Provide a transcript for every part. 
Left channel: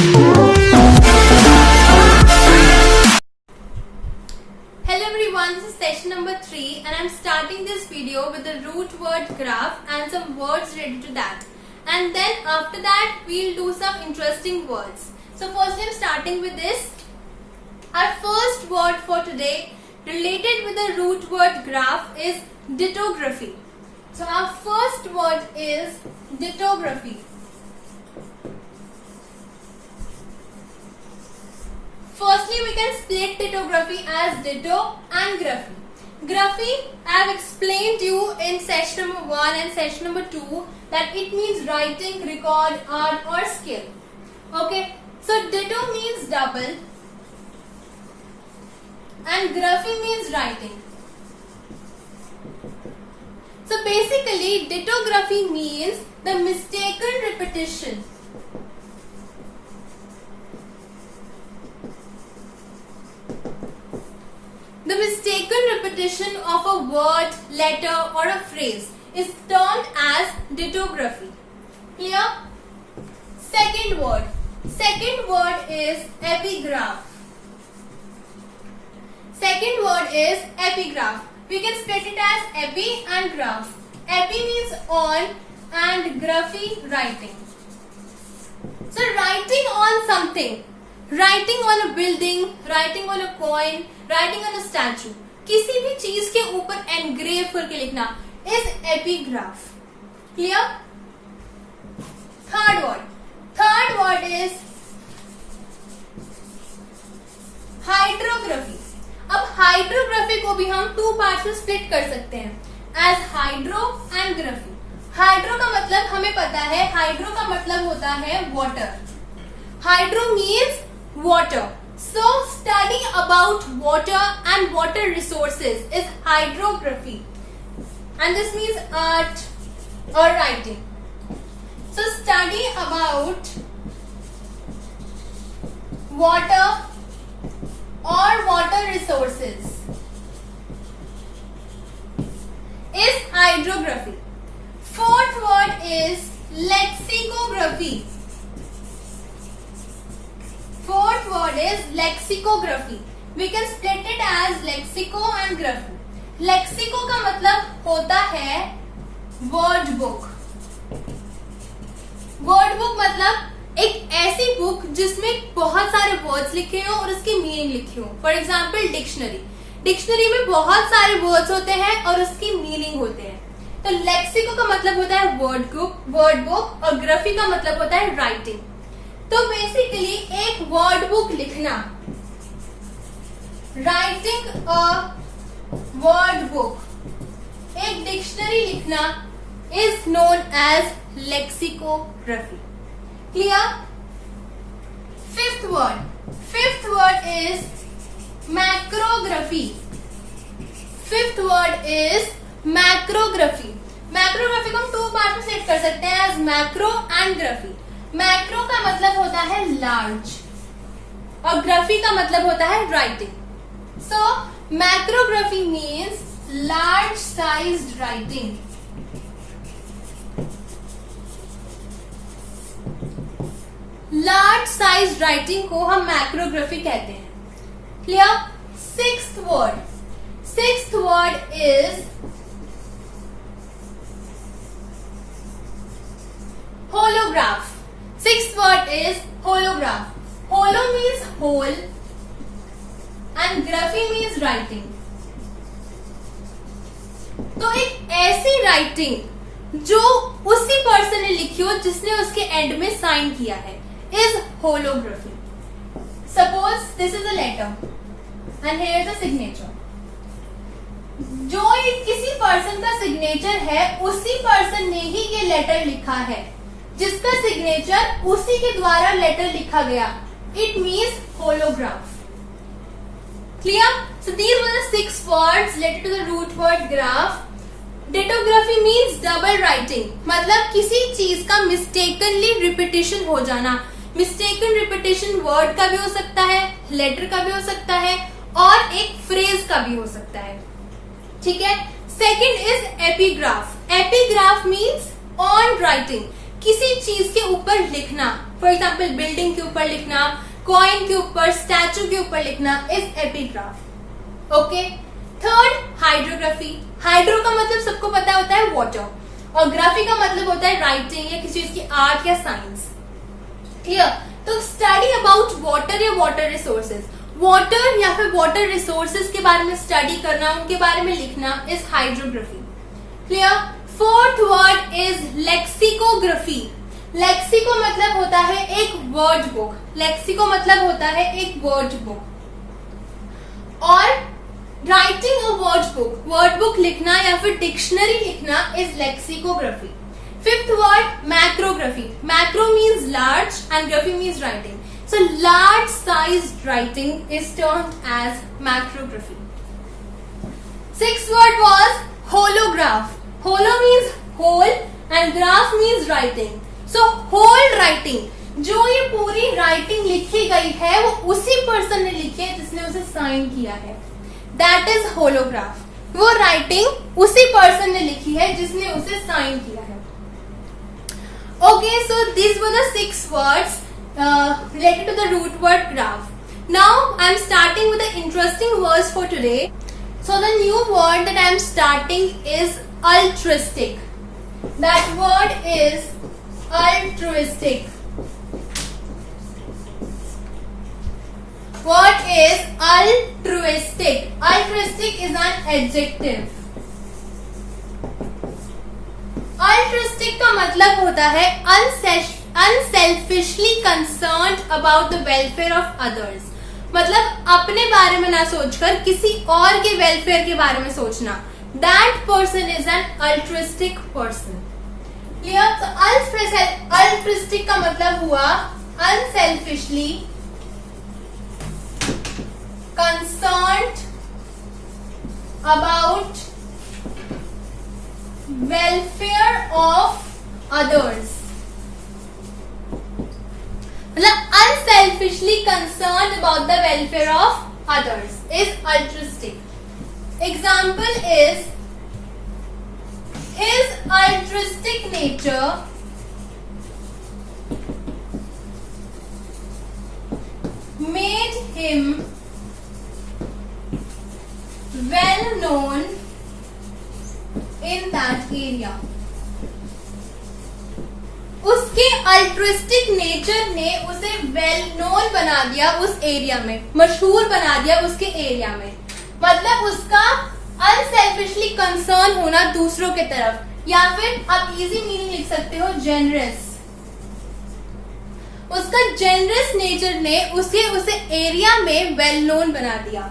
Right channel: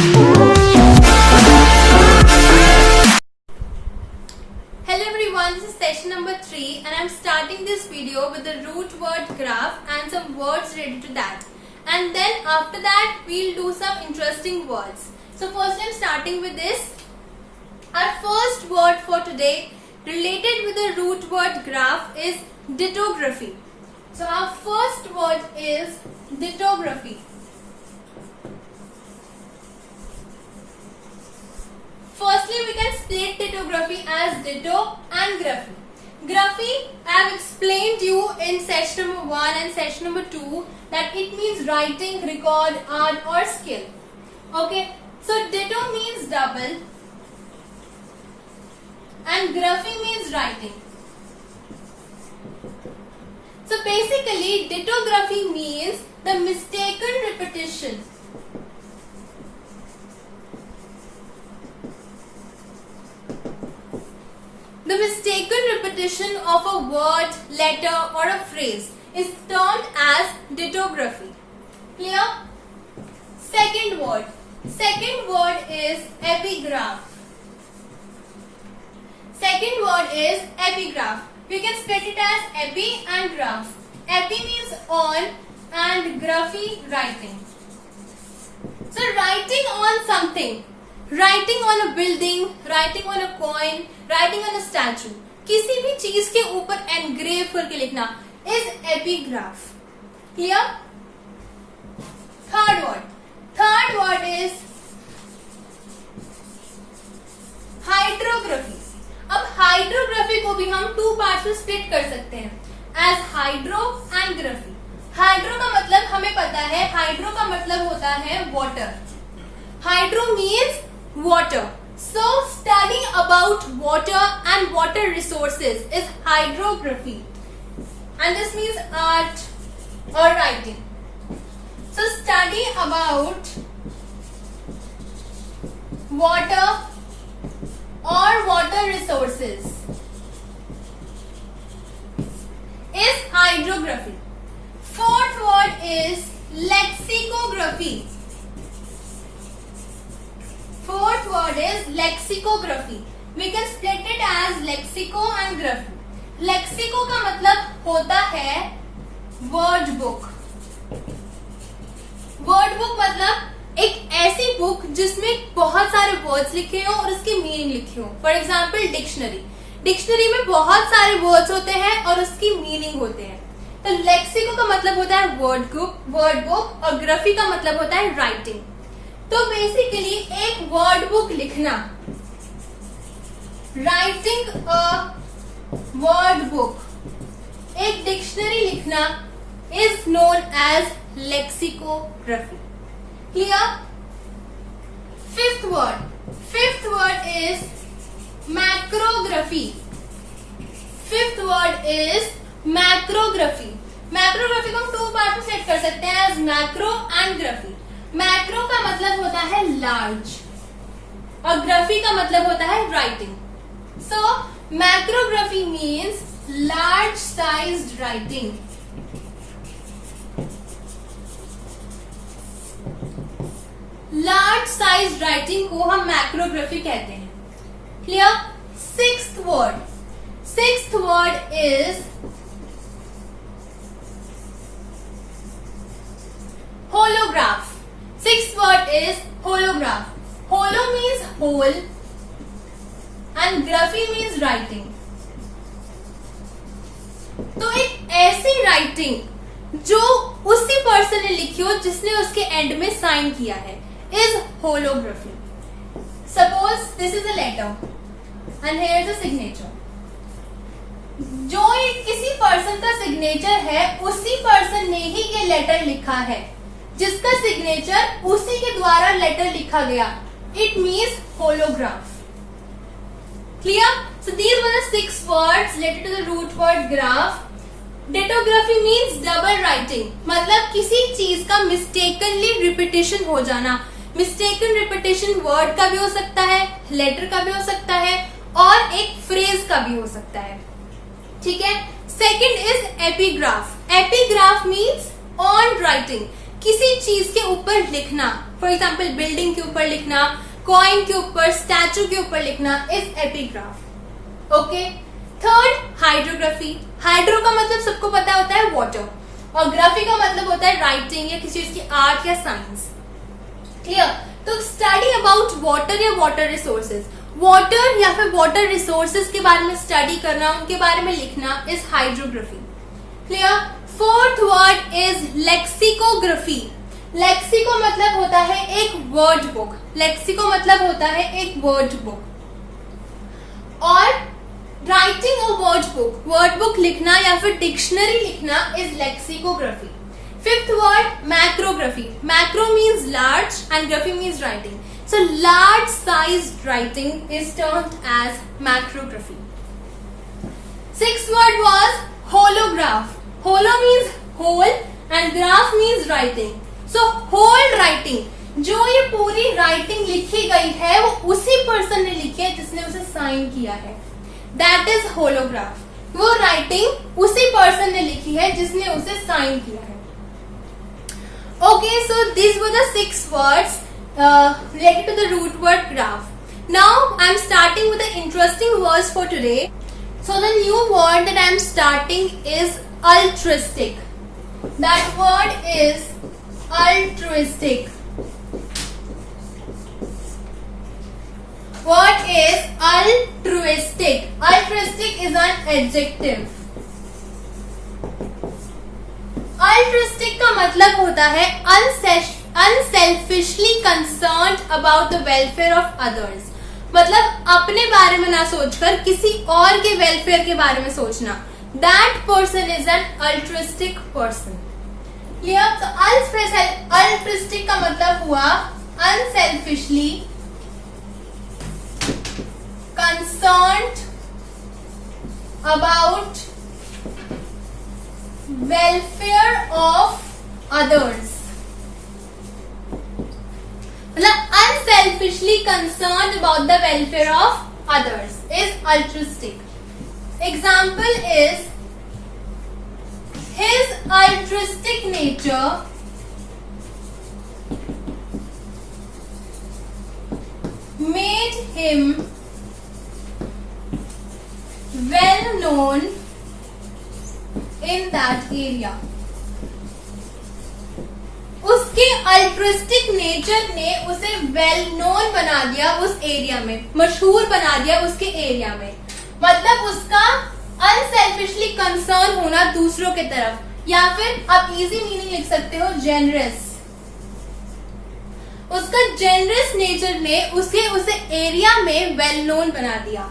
Hello everyone, this is session number 3 and I'm starting this video with the root word graph and some words related to that. And then after that we'll do some interesting words. So first I'm starting with this. Our first word for today related with the root word graph is dittography. So our first word is dittography. Firstly, we can split dittography as ditto and graphy. Graphy, I have explained you in session number 1 and session number 2 that it means writing, record, art or skill. Okay, so ditto means double and graphy means writing. So basically, dittography means the mistaken repetition. The mistaken repetition of a word, letter or a phrase is termed as dittography. Clear? Second word. Second word is epigraph. Second word is epigraph. We can split it as epi and graph. Epi means on and graphy writing. So writing on something. Writing on a building, writing on a coin, writing on a statue. किसी भी चीज के ऊपर एनग्रेव करके लिखना is epigraph. Clear? Third word. Third word is hydrography. अब hydrography को भी हम 2 पार्ट में स्प्लिट कर सकते हैं as hydro and graphy. Hydro का मतलब हमें पता है, hydro का मतलब होता है water. Hydro means water. So studying about water and water resources is hydrography. And this means art or writing. So study about water or water resources is hydrography. Fourth word is lexicography. Fourth word is lexicography. We can split it as lexico and graphy. Lexico का मतलब होता है word book. Word book मतलब एक ऐसी बुक जिसमें बहुत सारे वर्ड्स लिखे हो और उसकी मीनिंग लिखी हो. For example dictionary. डिक्शनरी में बहुत सारे वर्ड्स होते हैं और उसकी मीनिंग होते हैं. तो लेक्सिको का मतलब होता है वर्ड बुक और ग्राफी का मतलब होता है राइटिंग. तो बेसिकली एक वर्ड बुक लिखना, राइटिंग अ वर्ड बुक, एक डिक्शनरी लिखना is known as lexicography. Clear? Fifth word is macrography. Fifth word is macrography. Macrography को हम 2 पार्ट में सेट कर सकते हैं as macro and graphy. Macro का मतलब होता है लार्ज और ग्राफी का मतलब होता है writing. So macrography means large sized writing. Large sized writing को हम मैक्रोग्राफी कहते हैं. Clear? Sixth word is holograph. Sixth word is holograph. Holo means whole and graphy means writing. तो एक ऐसी राइटिंग जो उसी पर्सन ने लिखी हो जिसने उसके एंड में साइन किया है is holography. Suppose this is a letter and here is a signature. जो किसी पर्सन का सिग्नेचर है उसी पर्सन ने ही ये लेटर लिखा है, जिसका सिग्नेचर उसी के द्वारा लेटर लिखा गया. It means holograph. Clear? So these were the 6 words related to the root word graph. Dittography means double writing. मतलब किसी चीज का मिस्टेकनली रिपीटेशन हो जाना. मिस्टेकन रिपीटेशन वर्ड का भी हो सकता है, लेटर का भी हो सकता है और एक फ्रेज का भी हो सकता है. ठीक है. Second is epigraph. Epigraph means on writing. किसी चीज के ऊपर लिखना, फॉर एग्जाम्पल बिल्डिंग के ऊपर लिखना, कॉइन के ऊपर, स्टैचू के ऊपर लिखना is epigraph. Okay. Third, hydrography. Hydro का मतलब सबको पता होता है वाटर, और ग्राफी का मतलब होता है राइटिंग या किसी चीज की आर्ट या साइंस। क्लियर? तो स्टडी अबाउट वाटर या वाटर रिसोर्सेज, वाटर या फिर वाटर रिसोर्सेज के बारे में स्टडी करना, उनके बारे में लिखना is hydrography. Clear? Fourth word is lexicography. Lexico मतलब होता है एक वर्ड बुक, लेक्सिको मतलब होता है एक वर्ड बुक। और राइटिंग अ वर्ड बुक लिखना या फिर डिक्शनरी लिखना is lexicography. Fifth word, macrography. Macro means large and graphy means writing, so large sized writing is termed as macrography. Sixth word was holograph. Holo means whole and graph means writing, so whole writing, जो ये पूरी राइटिंग लिखी गई है वो उसी पर्सन ने लिखी है जिसने उसे साइन किया है, दैट इज होलोग्राफ। वो राइटिंग उसी पर्सन ने लिखी है जिसने उसे साइन किया है। Okay, so this were the 6 words related to the root word graph. Now I am starting with the interesting words for today. So the new word that I am starting is altruistic. That word is altruistic. What is altruistic? Altruistic is an adjective. Altruistic का मतलब होता है unselfishly concerned about the welfare of others. मतलब अपने बारे में ना सोचकर किसी और के वेलफेयर के बारे में सोचना. That person is an altruistic person. Clear? तो altruistic का मतलब हुआ unselfishly concerned about welfare of others. मतलब unselfishly concerned about the welfare of others is altruistic. Example is his altruistic nature made him well known in that area. उसके altruistic nature ने उसे well known बना दिया उस एरिया में, मशहूर बना दिया उसके एरिया में. मतलब उसका अनसेल्फिशली कंसर्न होना दूसरों के तरफ, या फिर आप इजी मीनिंग लिख सकते हो जेनरस. उसका जेनरस नेचर ने उसे एरिया में वेल नोन बना दिया.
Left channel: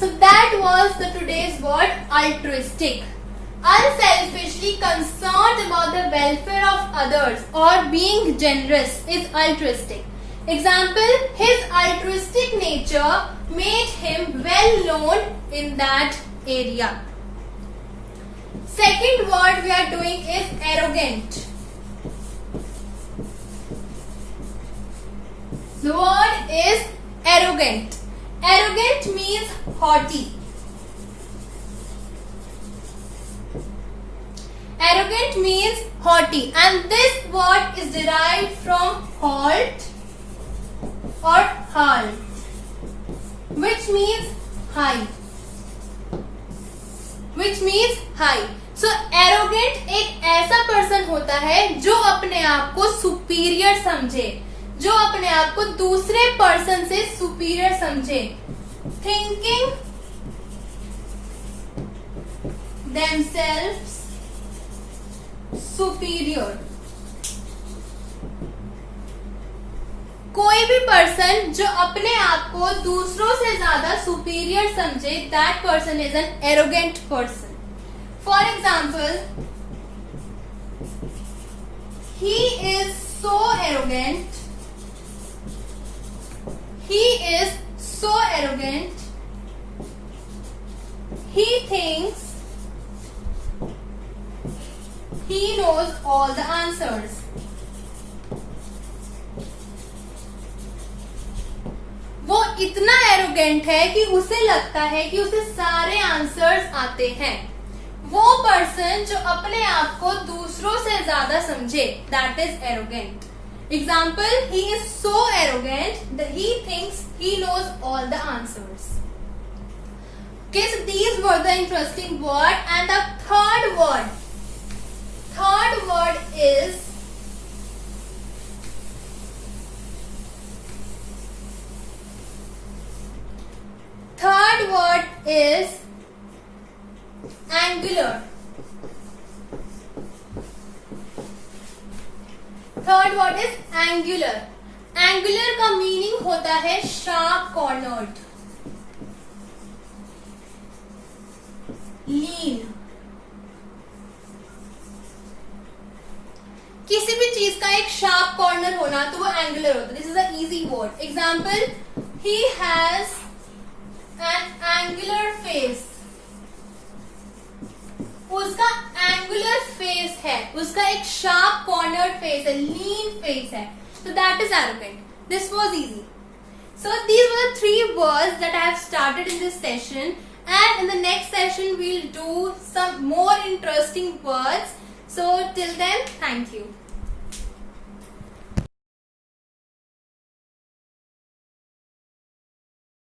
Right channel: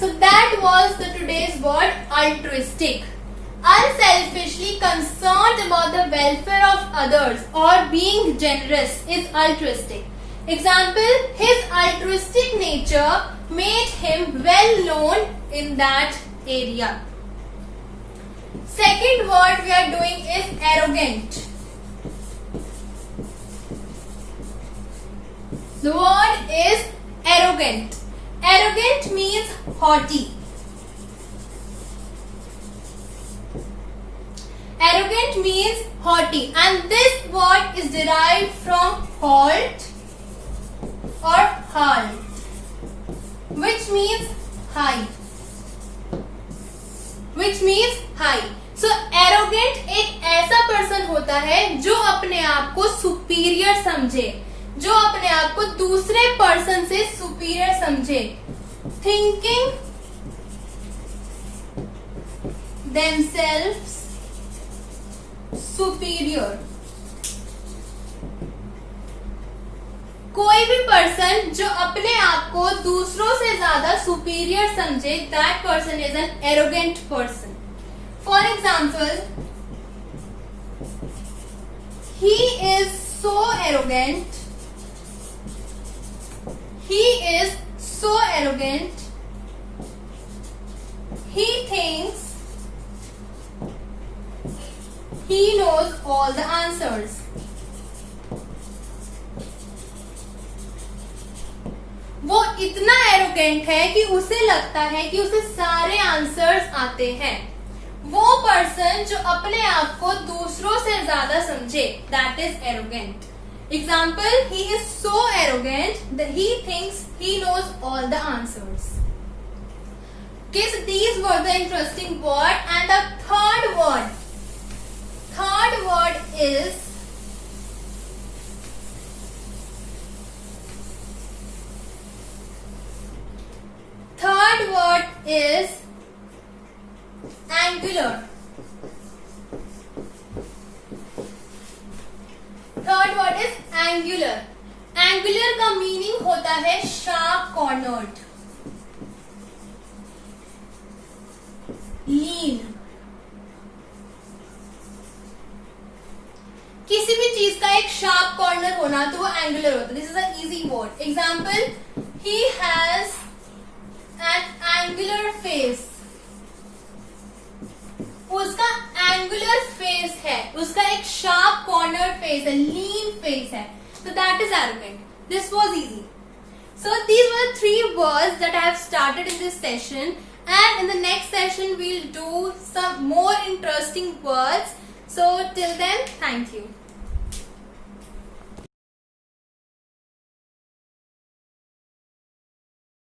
So that was the today's word altruistic. Unselfishly concerned about the welfare of others or being generous is altruistic. Example, his altruistic nature made him well known in that area. Second word we are doing is arrogant. The word is arrogant. Arrogant means haughty. Arrogant means haughty, and this word is derived from halt or halt, which means high. So arrogant एक ऐसा पर्सन होता है जो अपने आप को सुपीरियर समझे, जो अपने आप को दूसरे पर्सन से सुपीरियर समझे. Thinking themselves superior. कोई भी पर्सन जो अपने आप को दूसरों से ज्यादा सुपीरियर समझे, that person is an arrogant person. For example, he is so arrogant. He is so arrogant. He thinks he knows all the answers. वो इतना एरोगेंट है कि उसे लगता है कि उसे सारे आंसर्स आते हैं. वो पर्सन जो अपने आप को दूसरों से ज्यादा समझे, that is arrogant. Example, he is so arrogant that he thinks he knows all the answers. Okay, so these were the interesting word, and the third word is angular. Third word is angular. Angular का मीनिंग होता है sharp cornered, लीन. किसी भी चीज का एक sharp corner होना तो वो एंगुलर होता है. This is a easy word. Example, he has an angular face. उसका एंगुलर फेस है, उसका एक शार्प कॉर्नर फेस है, लीन फेस है. So that is arrogant. This was easy. So these were the 3 words that I have started in this session, and in the next session we'll do some more interesting words. So till then, thank you.